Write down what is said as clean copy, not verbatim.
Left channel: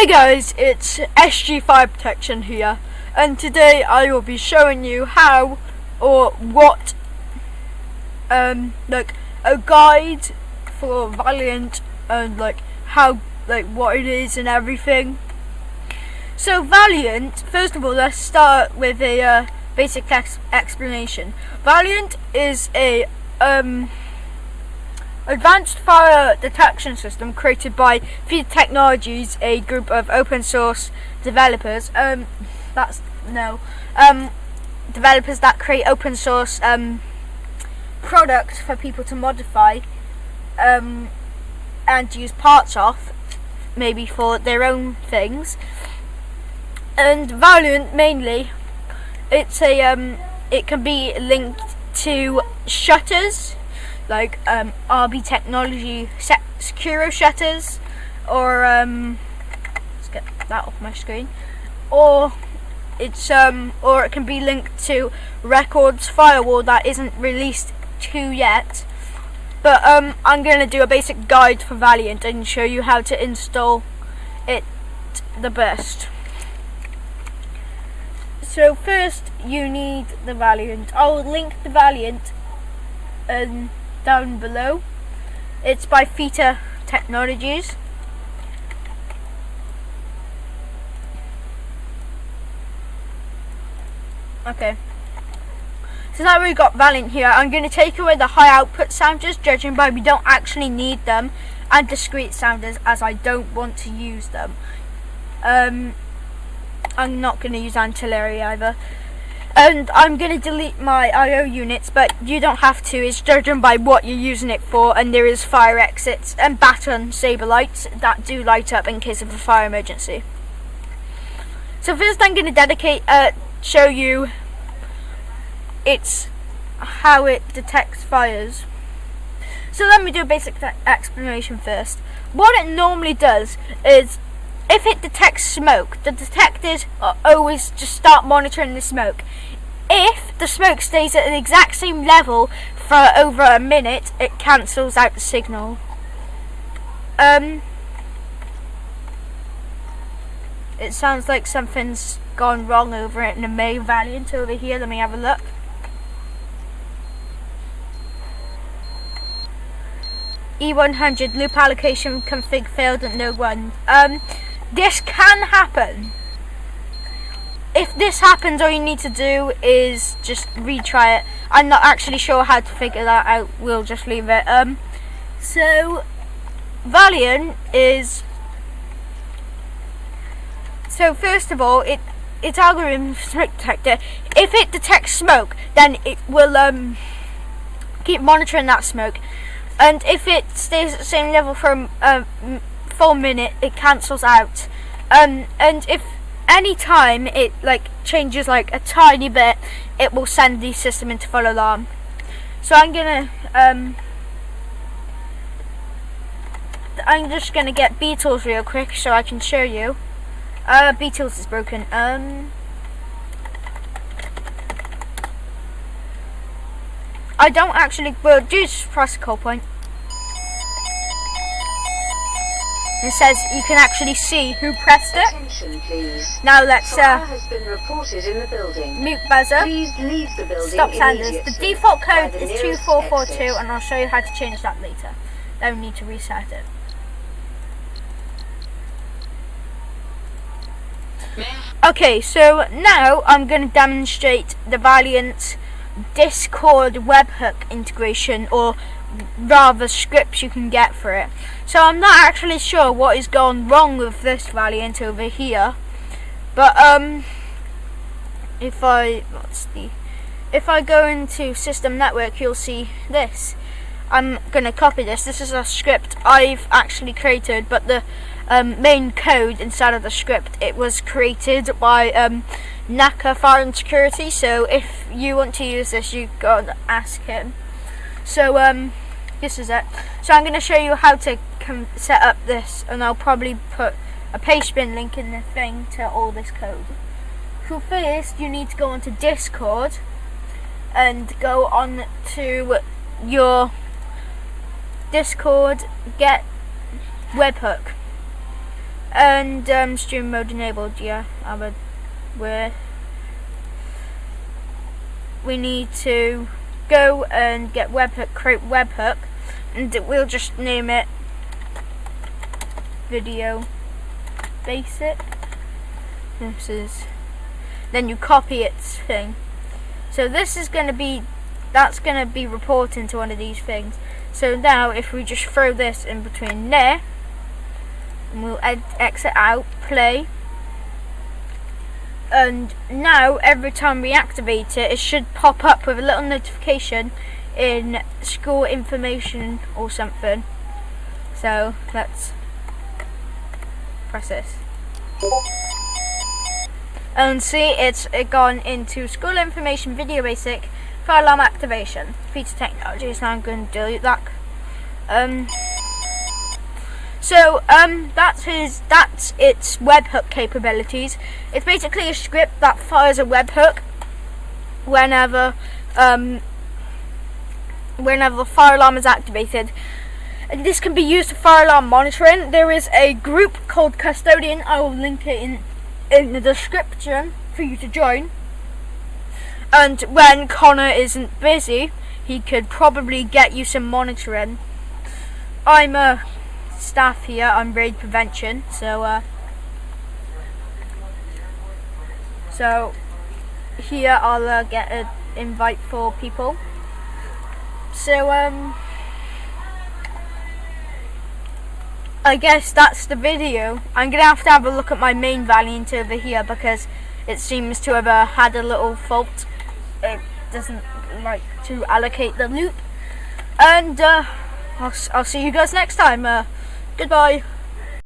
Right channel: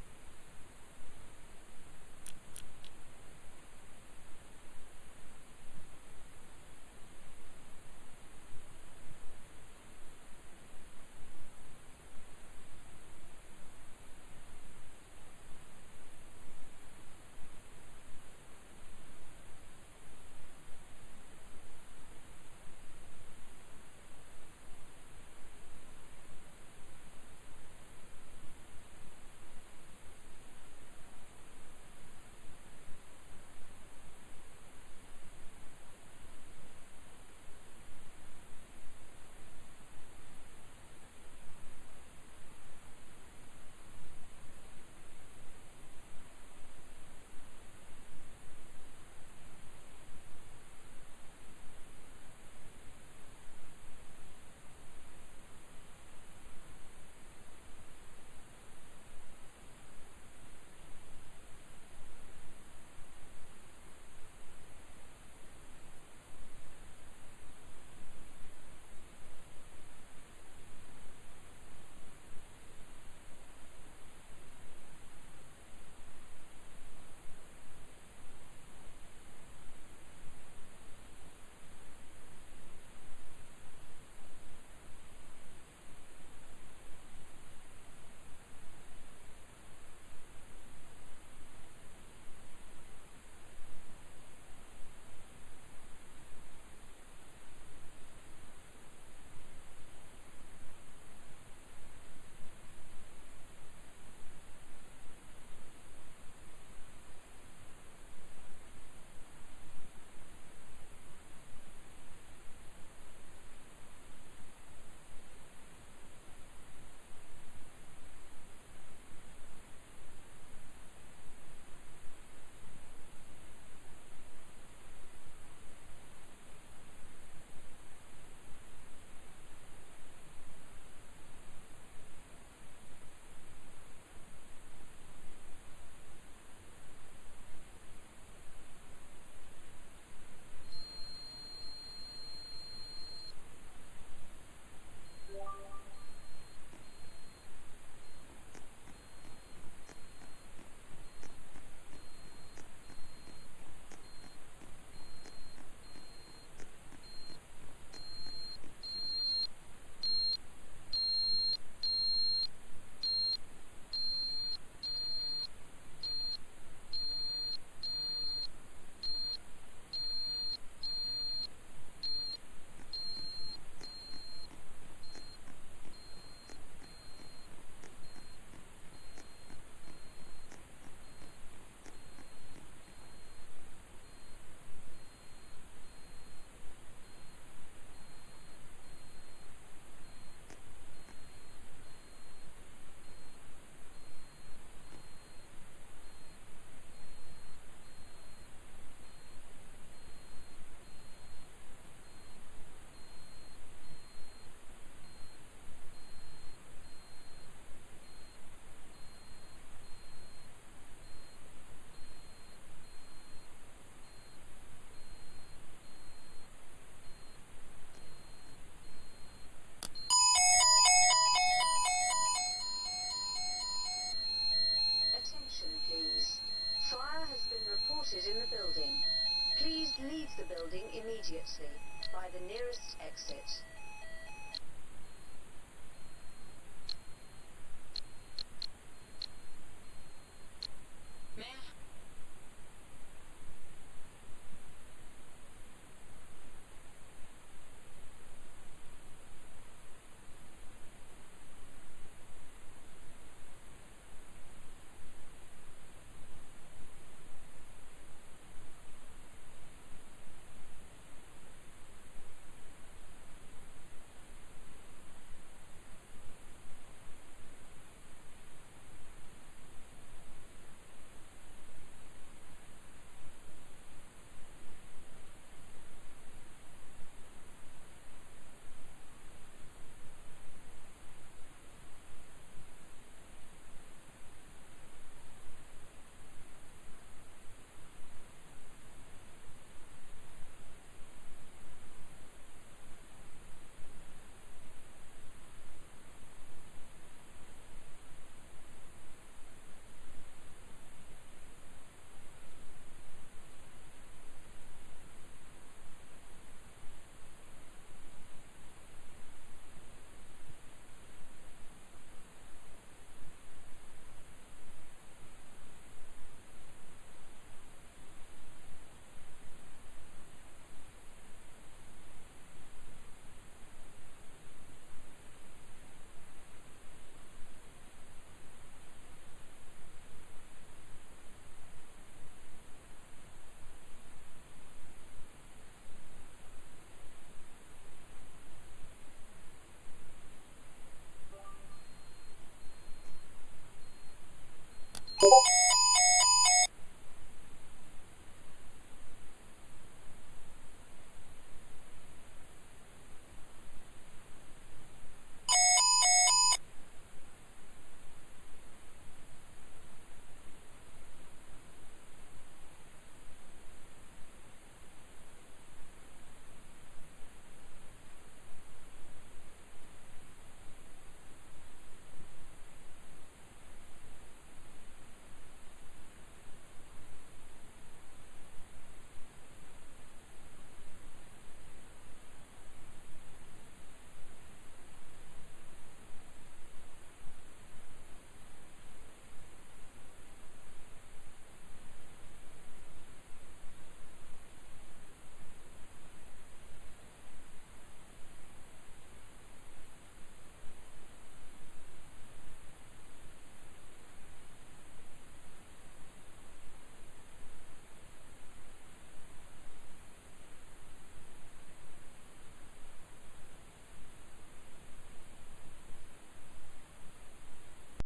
Hey guys, it's SG Fire Protection here, and today I will be showing you how or what like a guide for Valiant and how what it is and everything. So Valiant, first of all, let's start with a basic explanation. Valiant is a advanced fire detection system created by Theta Technologies, a group of open source developers. Developers that create open source products for people to modify and use parts of, maybe for their own things. And Valiant mainly, it can be linked to shutters, like RB Technology Securo shutters, or let's get that off my screen, or it can be linked to Records firewall that isn't released to yet. But I'm gonna do a basic guide for Valiant and show you how to install it the best. So first you need the Valiant. I'll link the Valiant down below. It's by Theta Technologies. Okay. So now we've got Valiant here. I'm going to take away the high output sounders, judging by we don't actually need them, and discrete sounders, as I don't want to use them. I'm not going to use ancillary either. And I'm going to delete my I/O units, but you don't have to. It's judging by what you're using it for, and there is fire exits and baton saber lights that do light up in case of a fire emergency. So first I'm going to show you how it detects fires. So let me do a basic explanation first. What it normally does is, if it detects smoke, the detectors always just start monitoring the smoke. If the smoke stays at the exact same level for over a minute, it cancels out the signal. It sounds like something's gone wrong over it in the main Valiant over here. Let me have a look. E100 loop allocation config failed at no one. This can happen. If this happens, all you need to do is just retry it. I'm not actually sure how to figure that out. We'll just leave it. So Valiant is. So first of all, its algorithm smoke detector. If it detects smoke, then it will keep monitoring that smoke. And if it stays at the same level for a full minute, it cancels out. And if any time it changes a tiny bit, it will send the system into full alarm. So I'm just gonna get Beatles real quick so I can show you. Beatles is broken. I don't actually. Well, just press a call point. It says you can actually see who pressed it. Attention, please. Now let's has been reported in the building. mute buzzer. Please leave the building. Stop sounders. The default code is nearest 2442, exit. and I'll show you how to change that later. Don't need to reset it. Okay, so now I'm going to demonstrate the Valiant Discord webhook integration, or rather scripts you can get for it. So I'm not actually sure what is gone wrong with this Valiant over here, but if I go into system network, you'll see this. I'm gonna copy this. This is a script I've actually created, but the main code inside of the script, it was created by Naka Fire and Security. So if you want to use this, you've got to ask him. So this is it. So I'm going to show you how to set up this, and I'll probably put a pastebin link in the thing to all this code. So first you need to go onto Discord and go on to your Discord, get webhook. And stream mode enabled. Yeah, we need to go and get webhook, create webhook, and we'll just name it video basic. Then you copy its thing. So this is going to be, that's going to be reporting to one of these things. So now if we just throw this in between there, and we'll exit out, play, and now every time we activate it, it should pop up with a little notification in school information or something. So let's press this. And see, it's gone into school information video basic fire alarm activation. Theta technology. So I'm going to delete that. That's its webhook capabilities. It's basically a script that fires a webhook whenever the fire alarm is activated. And this can be used for fire alarm monitoring. There is a group called Custodian. I will link it in the description for you to join. And when Connor isn't busy, he could probably get you some monitoring. I'm a staff here on raid prevention, so here I'll get an invite for people. So I guess that's the video. I'm gonna have a look at my main Valiant over here because it seems to have had a little fault. It doesn't like to allocate the loop, and I'll see you guys next time. Goodbye.